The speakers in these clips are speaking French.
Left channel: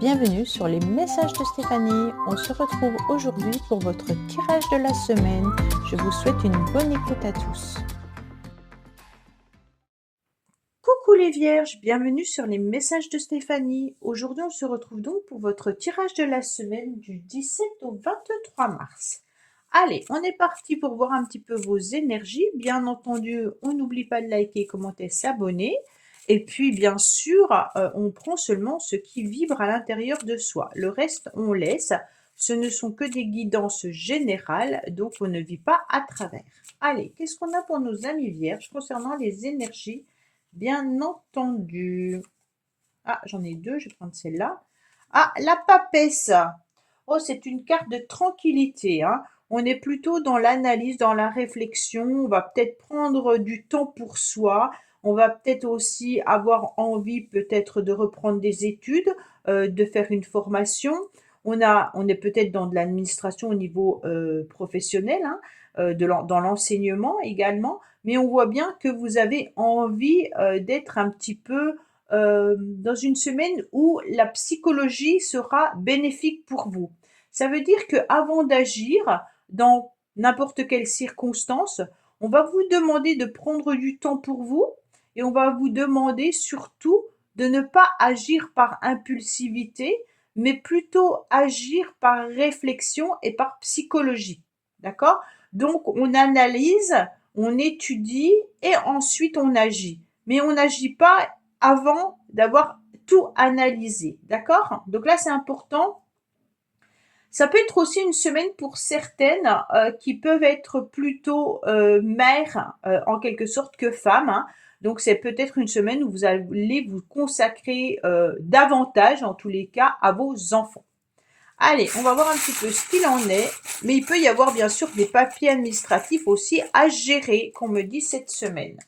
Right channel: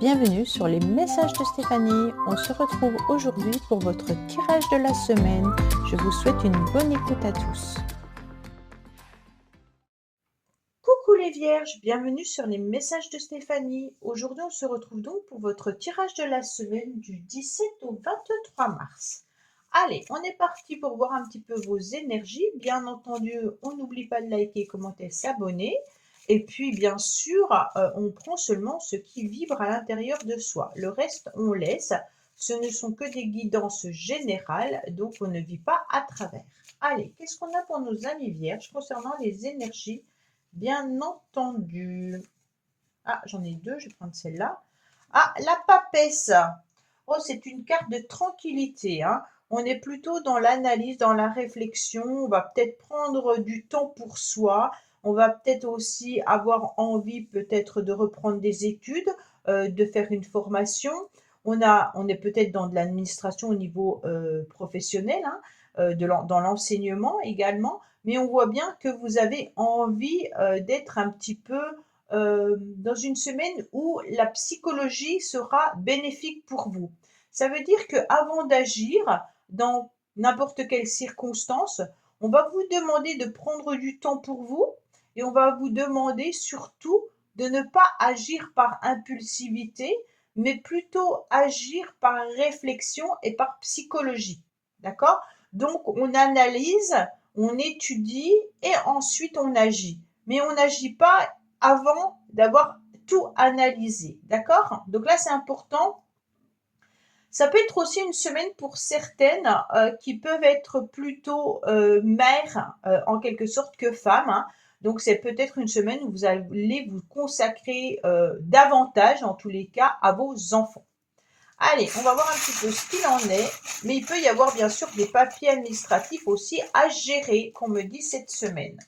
Bienvenue sur les messages de Stéphanie. On se retrouve aujourd'hui pour votre tirage de la semaine. Je vous souhaite une bonne écoute à tous. Coucou les vierges, bienvenue sur les messages de Stéphanie. Aujourd'hui, on se retrouve donc pour votre tirage de la semaine du 17 au 23 mars. Allez, on est parti pour voir un petit peu vos énergies. Bien entendu, on n'oublie pas de liker, commenter, s'abonner. Et puis, bien sûr, on prend seulement ce qui vibre à l'intérieur de soi. Le reste, on laisse. Ce ne sont que des guidances générales, donc on ne vit pas à travers. Allez, qu'est-ce qu'on a pour nos amis vierges concernant les énergies? Bien entendu. Ah, j'en ai deux, je vais prendre celle-là. Ah, la papesse. Oh, c'est une carte de tranquillité, hein. On est plutôt dans l'analyse, dans la réflexion. On va peut-être prendre du temps pour soi. On va peut-être aussi avoir envie peut-être de reprendre des études, de faire une formation. On est peut-être dans de l'administration au niveau professionnel, hein, dans l'enseignement également. Mais on voit bien que vous avez envie d'être un petit peu dans une semaine où la psychologie sera bénéfique pour vous. Ça veut dire qu'avant d'agir dans n'importe quelle circonstance, on va vous demander de prendre du temps pour vous et on va vous demander surtout de ne pas agir par impulsivité, mais plutôt agir par réflexion et par psychologie. D'accord? Donc, on analyse, on étudie et ensuite on agit. Mais on n'agit pas avant d'avoir tout analysé. D'accord? Donc là, c'est important. Ça peut être aussi une semaine pour certaines qui peuvent être plutôt mères en quelque sorte que femmes, hein. Donc c'est peut-être une semaine où vous allez vous consacrer davantage, en tous les cas, à vos enfants. Allez, on va voir un petit peu ce qu'il en est. Mais il peut y avoir bien sûr des papiers administratifs aussi à gérer, qu'on me dit cette semaine.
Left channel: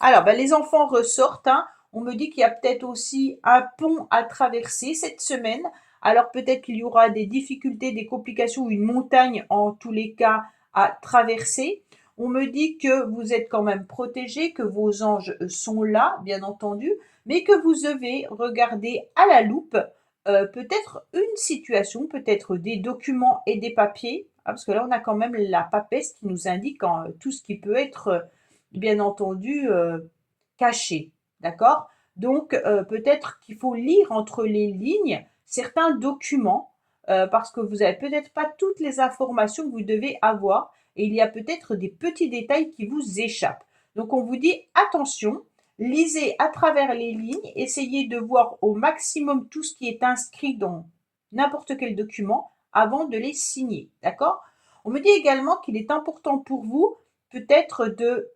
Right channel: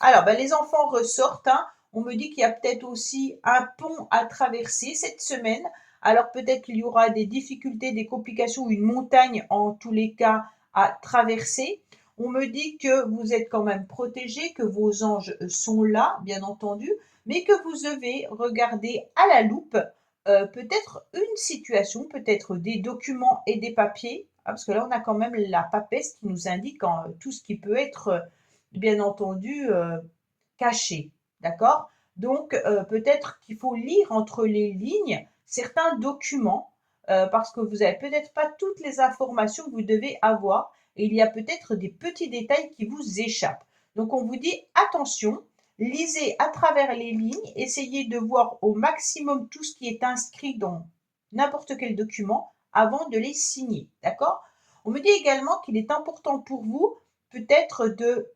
Alors, les enfants ressortent, hein. On me dit qu'il y a peut-être aussi un pont à traverser cette semaine. Alors, peut-être qu'il y aura des difficultés, des complications ou une montagne, en tous les cas, à traverser. On me dit que vous êtes quand même protégés, que vos anges sont là, bien entendu, mais que vous devez regarder à la loupe peut-être une situation, peut-être des documents et des papiers, hein, parce que là, on a quand même la papesse qui nous indique tout ce qui peut être bien entendu, caché, d'accord? Donc, peut-être qu'il faut lire entre les lignes certains documents, parce que vous n'avez peut-être pas toutes les informations que vous devez avoir et il y a peut-être des petits détails qui vous échappent. Donc, on vous dit: «Attention, lisez à travers les lignes, essayez de voir au maximum tout ce qui est inscrit dans n'importe quel document avant de les signer», d'accord? On me dit également qu'il est important pour vous peut-être de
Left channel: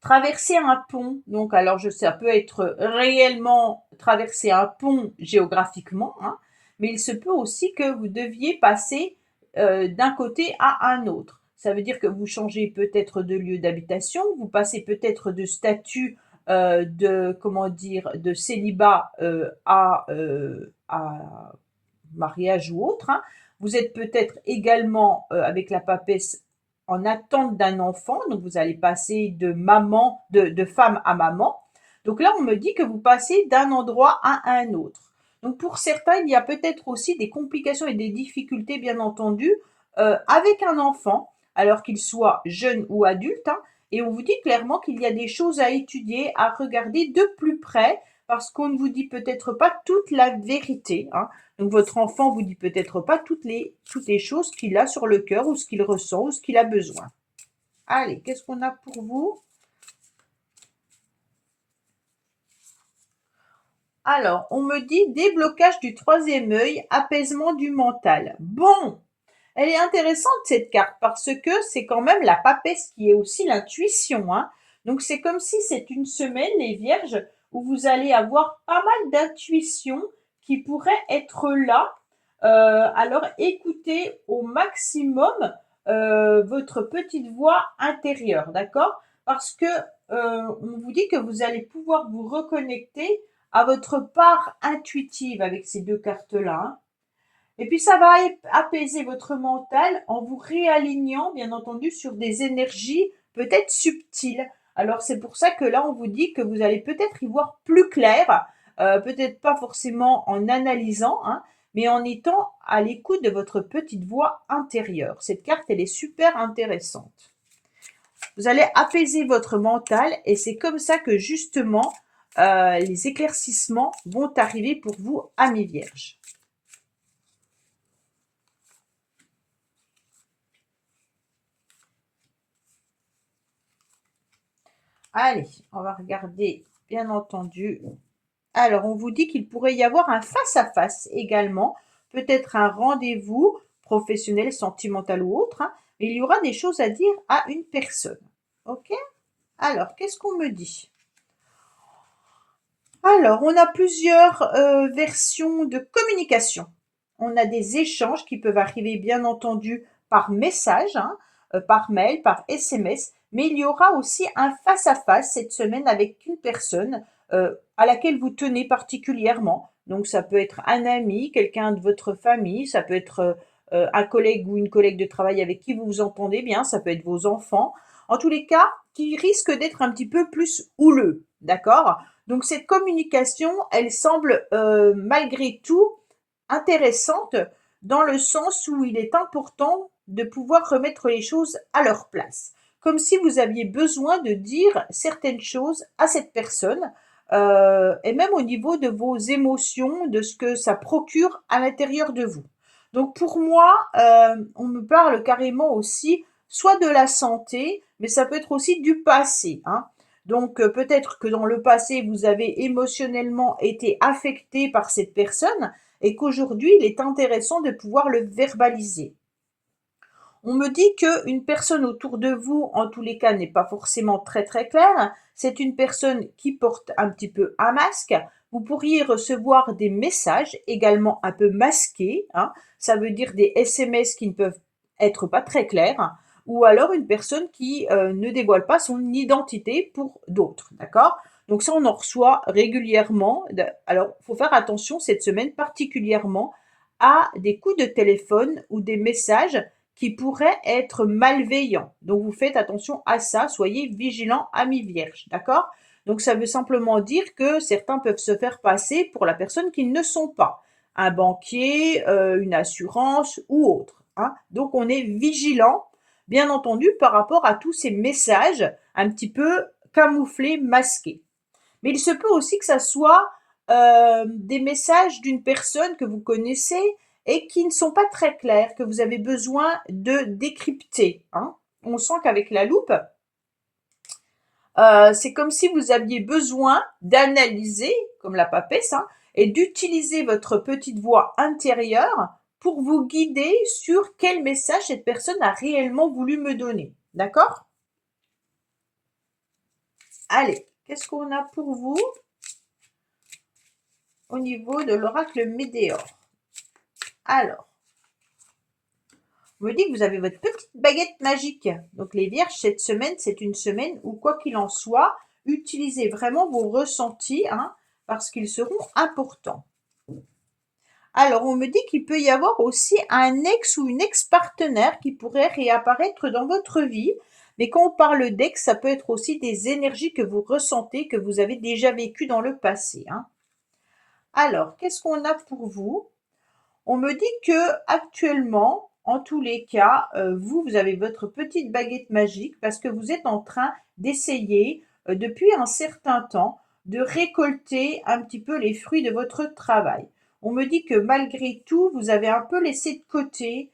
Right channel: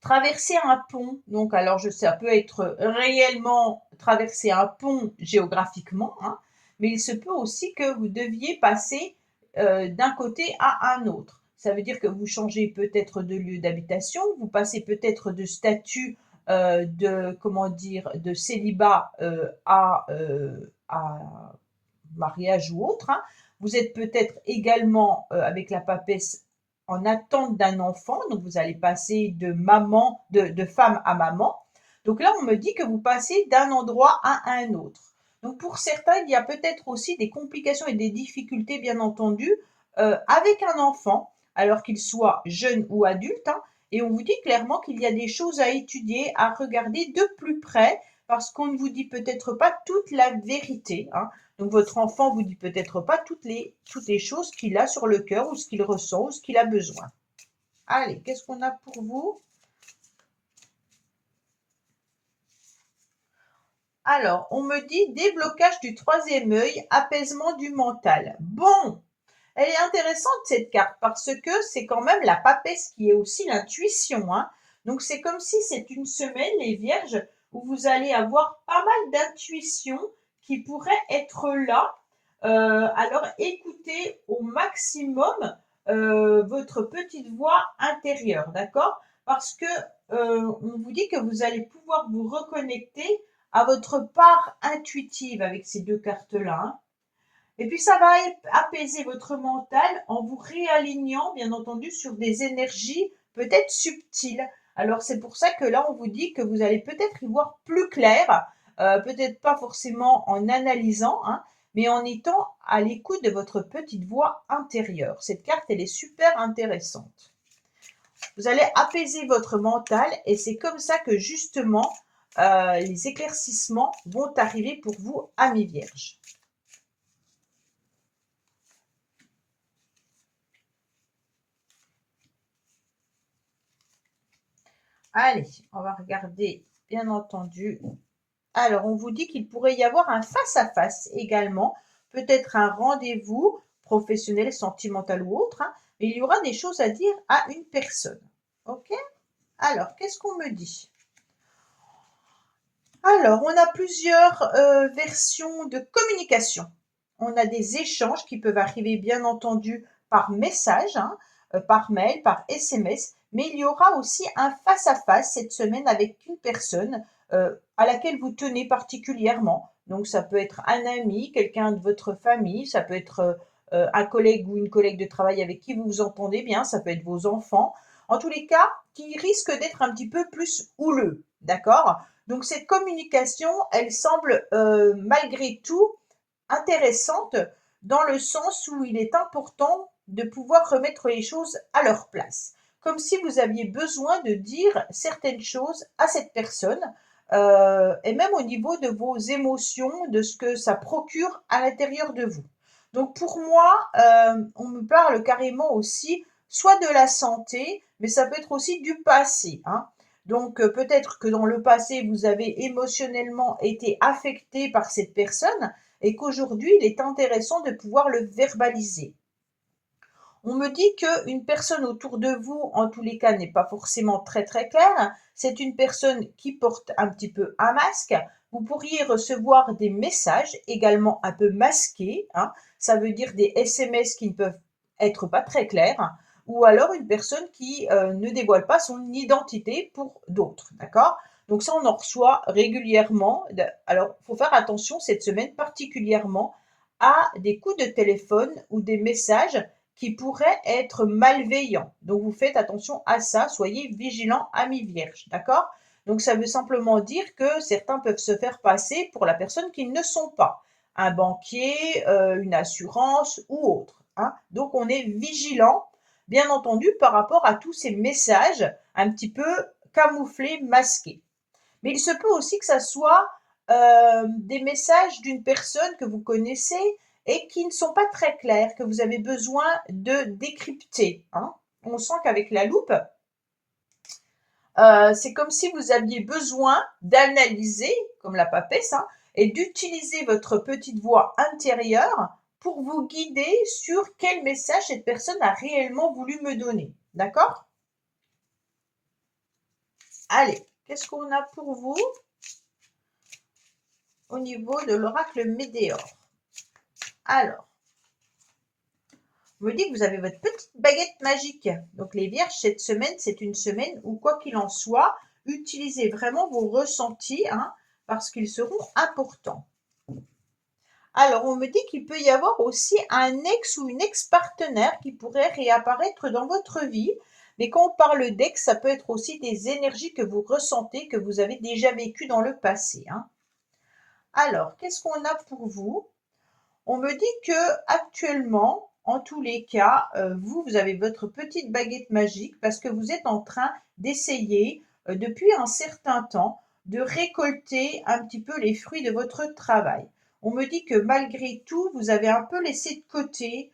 traverser un pont. Donc, alors, ça peut être réellement traverser un pont géographiquement, hein, mais il se peut aussi que vous deviez passer d'un côté à un autre. Ça veut dire que vous changez peut-être de lieu d'habitation, vous passez peut-être de statut de, comment dire, de célibat à mariage ou autre, hein. Vous êtes peut-être également avec la papesse en attente d'un enfant, donc vous allez passer de femme à maman. Donc là, on me dit que vous passez d'un endroit à un autre. Donc pour certains, il y a peut-être aussi des complications et des difficultés, bien entendu, avec un enfant, alors qu'il soit jeune ou adulte, hein. Et on vous dit clairement qu'il y a des choses à étudier, à regarder de plus près, parce qu'on ne vous dit peut-être pas toute la vérité, hein. Donc votre enfant vous dit peut-être pas toutes les choses qu'il a sur le cœur ou ce qu'il ressent ou ce qu'il a besoin. Allez, qu'est-ce qu'on a pour vous? Alors, on me dit déblocage du troisième œil, apaisement du mental. Bon, elle est intéressante cette carte parce que c'est quand même la papesse qui est aussi l'intuition, hein. Donc c'est comme si c'est une semaine, les vierges, où vous allez avoir pas mal d'intuitions qui pourraient être là. Alors écoutez au maximum votre petite voix intérieure, d'accord? Parce que on vous dit que vous allez pouvoir vous reconnecter à votre part intuitive avec ces deux cartes-là, hein. Et puis ça va apaiser votre mental en vous réalignant, bien entendu, sur des énergies peut-être subtiles. Alors c'est pour ça que là, on vous dit que vous allez peut-être y voir plus clair peut-être pas forcément en analysant, hein, mais en étant à l'écoute de votre petite voix intérieure. Cette carte, elle est super intéressante. Vous allez apaiser votre mental et c'est comme ça que justement les éclaircissements vont arriver pour vous, amis vierges. Allez, on va regarder, bien entendu. Alors, on vous dit qu'il pourrait y avoir un face-à-face également, peut-être un rendez-vous professionnel, sentimental ou autre, hein, mais il y aura des choses à dire à une personne. OK? Alors, qu'est-ce qu'on me dit? Alors, on a plusieurs versions de communication. On a des échanges qui peuvent arriver, bien entendu, par message, hein, par mail, par SMS, mais il y aura aussi un face-à-face cette semaine avec une personne à laquelle vous tenez particulièrement. Donc, ça peut être un ami, quelqu'un de votre famille, ça peut être un collègue ou une collègue de travail avec qui vous vous entendez bien, ça peut être vos enfants. En tous les cas, qui risque d'être un petit peu plus houleux, d'accord? Donc cette communication, elle semble malgré tout intéressante dans le sens où il est important de pouvoir remettre les choses à leur place. Comme si vous aviez besoin de dire certaines choses à cette personne, et même au niveau de vos émotions, de ce que ça procure à l'intérieur de vous. Donc pour moi, on me parle carrément aussi soit de la santé, mais ça peut être aussi du passé, hein. Donc peut-être que dans le passé, vous avez émotionnellement été affecté par cette personne et qu'aujourd'hui, il est intéressant de pouvoir le verbaliser. On me dit qu'une personne autour de vous, en tous les cas, n'est pas forcément très très claire. C'est une personne qui porte un petit peu un masque. Vous pourriez recevoir des messages également un peu masqués, hein. Ça veut dire des SMS qui ne peuvent être pas très clairs, ou alors une personne qui ne dévoile pas son identité pour d'autres, d'accord? Donc ça, on en reçoit régulièrement. Alors, il faut faire attention cette semaine particulièrement à des coups de téléphone ou des messages qui pourraient être malveillants. Donc vous faites attention à ça, soyez vigilants, amis vierges, d'accord? Donc ça veut simplement dire que certains peuvent se faire passer pour la personne qu'ils ne sont pas. Un banquier, une assurance ou autre, hein. Donc on est vigilant, bien entendu, par rapport à tous ces messages un petit peu camouflés, masqués. Mais il se peut aussi que ça soit des messages d'une personne que vous connaissez et qui ne sont pas très clairs, que vous avez besoin de décrypter, hein. On sent qu'avec la loupe, c'est comme si vous aviez besoin d'analyser, comme la papesse, hein, et d'utiliser votre petite voix intérieure pour vous guider sur quel message cette personne a réellement voulu me donner. D'accord? Allez, qu'est-ce qu'on a pour vous au niveau de l'oracle Médéor? Alors, on me dit que vous avez votre petite baguette magique. Donc les vierges, cette semaine, c'est une semaine où, quoi qu'il en soit, utilisez vraiment vos ressentis, hein, parce qu'ils seront importants. Alors, on me dit qu'il peut y avoir aussi un ex ou une ex-partenaire qui pourrait réapparaître dans votre vie. Mais quand on parle d'ex, ça peut être aussi des énergies que vous ressentez, que vous avez déjà vécues dans le passé, hein. Alors, qu'est-ce qu'on a pour vous? On me dit que actuellement, en tous les cas, vous avez votre petite baguette magique parce que vous êtes en train d'essayer, depuis un certain temps, de récolter un petit peu les fruits de votre travail. On me dit que malgré tout, vous avez un peu laissé de côté,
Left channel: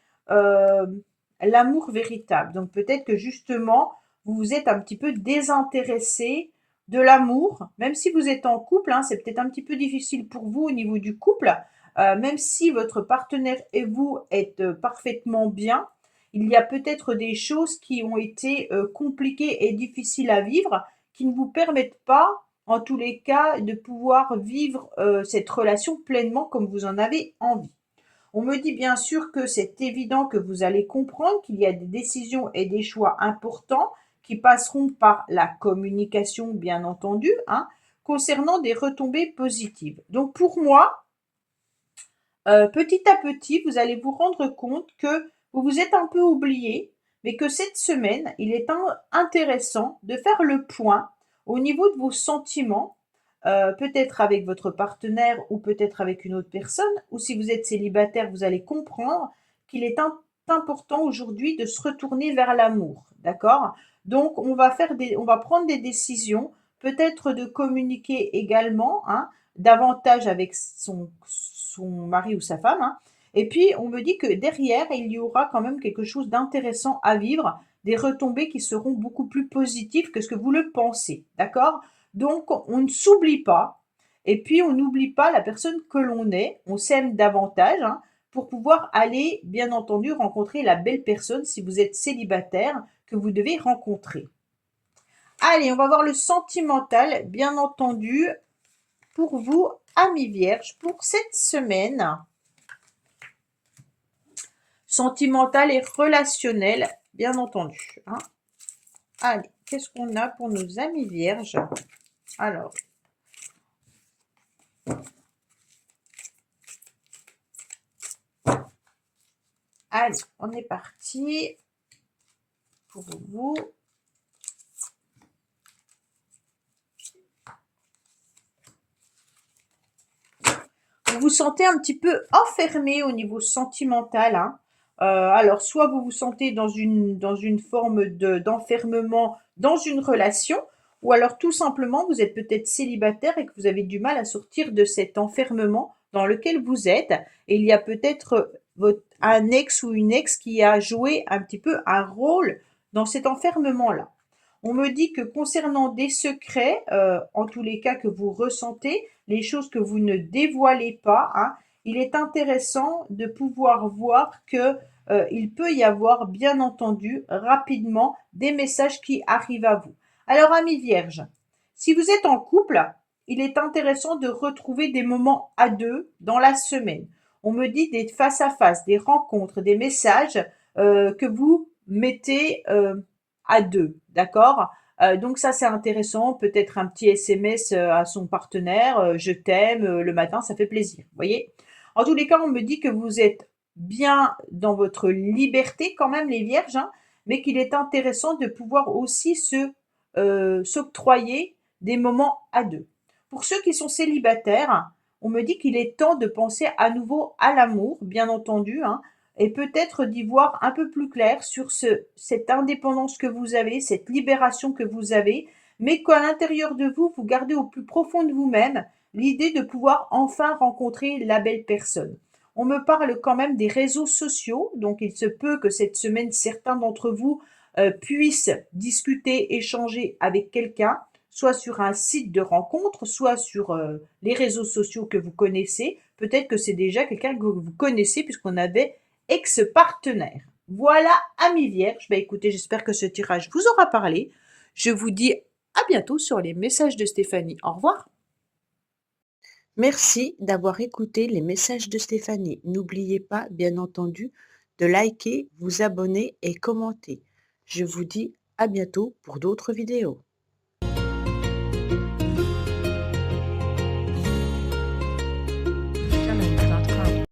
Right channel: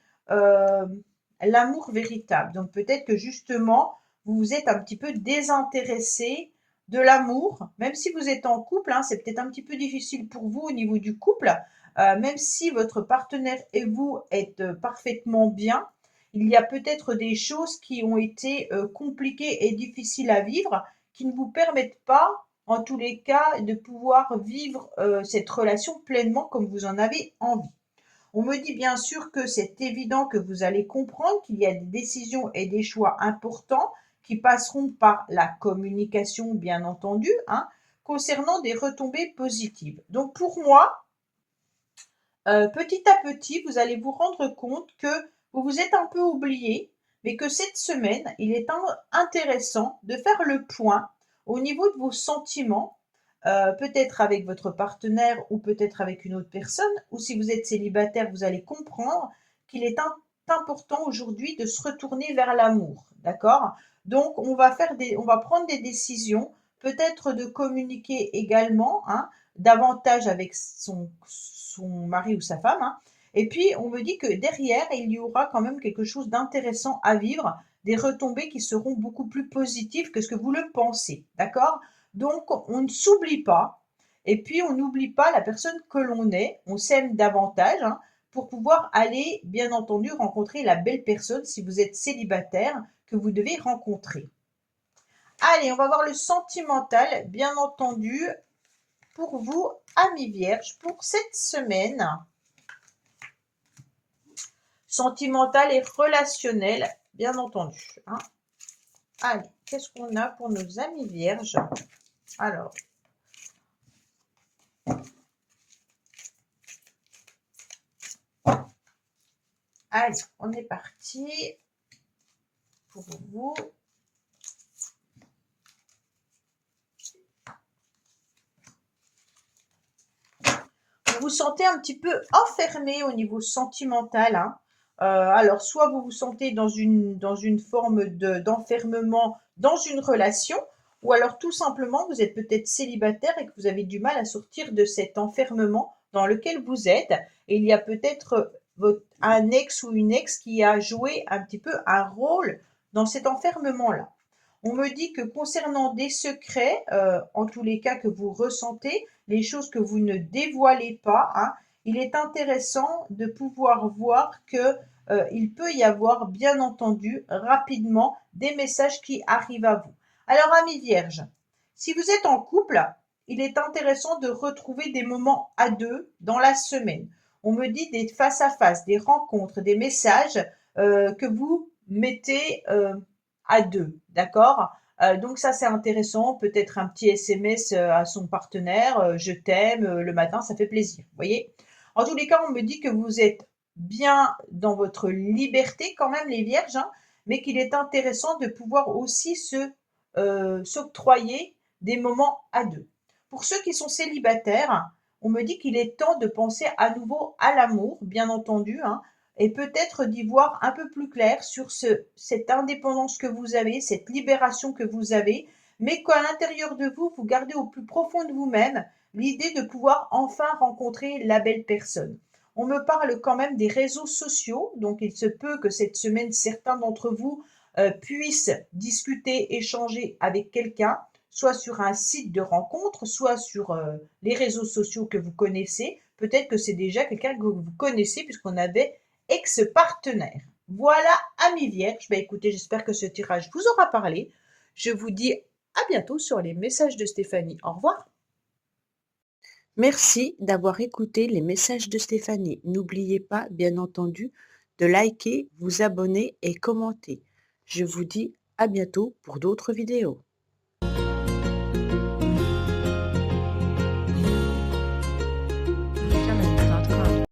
l'amour véritable. Donc peut-être que justement, vous vous êtes un petit peu désintéressé de l'amour, même si vous êtes en couple, hein, c'est peut-être un petit peu difficile pour vous au niveau du couple, même si votre partenaire et vous êtes parfaitement bien, il y a peut-être des choses qui ont été compliquées et difficiles à vivre, qui ne vous permettent pas, en tous les cas, de pouvoir vivre cette relation pleinement comme vous en avez envie. On me dit bien sûr que c'est évident que vous allez comprendre qu'il y a des décisions et des choix importants qui passeront par la communication, bien entendu, hein, concernant des retombées positives. Donc pour moi, petit à petit, vous allez vous rendre compte que vous vous êtes un peu oublié, mais que cette semaine, il est intéressant de faire le point au niveau de vos sentiments, peut-être avec votre partenaire ou peut-être avec une autre personne, ou si vous êtes célibataire, vous allez comprendre qu'il est important aujourd'hui de se retourner vers l'amour, d'accord? Donc on va prendre des décisions, peut-être de communiquer également, hein, davantage avec son mari ou sa femme, hein. Et puis on me dit que derrière, il y aura quand même quelque chose d'intéressant à vivre, des retombées qui seront beaucoup plus positives que ce que vous le pensez, d'accord? Donc on ne s'oublie pas et puis on n'oublie pas la personne que l'on est, on s'aime davantage, hein, pour pouvoir aller, bien entendu, rencontrer la belle personne si vous êtes célibataire que vous devez rencontrer. Allez, on va voir le sentimental, bien entendu, pour vous, amis vierges, pour cette semaine. Sentimental et relationnel, bien entendu, hein. Allez, qu'est-ce qu'on a pour nos amis vierges? Alors, allez, on est parti pour vous. Vous vous sentez un petit peu enfermé au niveau sentimental, hein. Alors soit vous vous sentez dans une forme d'enfermement dans une relation, ou alors tout simplement vous êtes peut-être célibataire et que vous avez du mal à sortir de cet enfermement dans lequel vous êtes et il y a peut-être, un ex ou une ex qui a joué un petit peu un rôle dans cet enfermement-là. On me dit que concernant des secrets, en tous les cas que vous ressentez, les choses que vous ne dévoilez pas, hein, il est intéressant de pouvoir voir que, il peut y avoir bien entendu rapidement des messages qui arrivent à vous. Alors amis vierges, si vous êtes en couple, il est intéressant de retrouver des moments à 2 dans la semaine. On me dit des face à face, des rencontres, des messages, que vous mettez, à 2, d'accord? Donc ça, c'est intéressant. Peut-être un petit SMS, à son partenaire, «Je t'aime», le matin, ça fait plaisir, vous voyez? En tous les cas, on me dit que vous êtes bien dans votre liberté quand même les vierges, hein, mais qu'il est intéressant de pouvoir aussi s'octroyer des moments à 2. Pour ceux qui sont célibataires, on me dit qu'il est temps de penser à nouveau à l'amour, bien entendu, hein, et peut-être d'y voir un peu plus clair sur cette indépendance que vous avez, cette libération que vous avez, mais qu'à l'intérieur de vous, vous gardez au plus profond de vous-même l'idée de pouvoir enfin rencontrer la belle personne. On me parle quand même des réseaux sociaux, donc il se peut que cette semaine, certains d'entre vous puissent discuter, échanger avec quelqu'un, soit sur un site de rencontre, soit sur les réseaux sociaux que vous connaissez. Peut-être que c'est déjà quelqu'un que vous connaissez puisqu'on avait ex-partenaire. Voilà, amis vierges. Bah, écoutez, j'espère que ce tirage vous aura parlé. Je vous dis à bientôt sur les messages de Stéphanie. Au revoir. Merci d'avoir écouté les messages de Stéphanie. N'oubliez pas, bien entendu, de liker, vous abonner et commenter. Je vous dis à bientôt pour d'autres vidéos.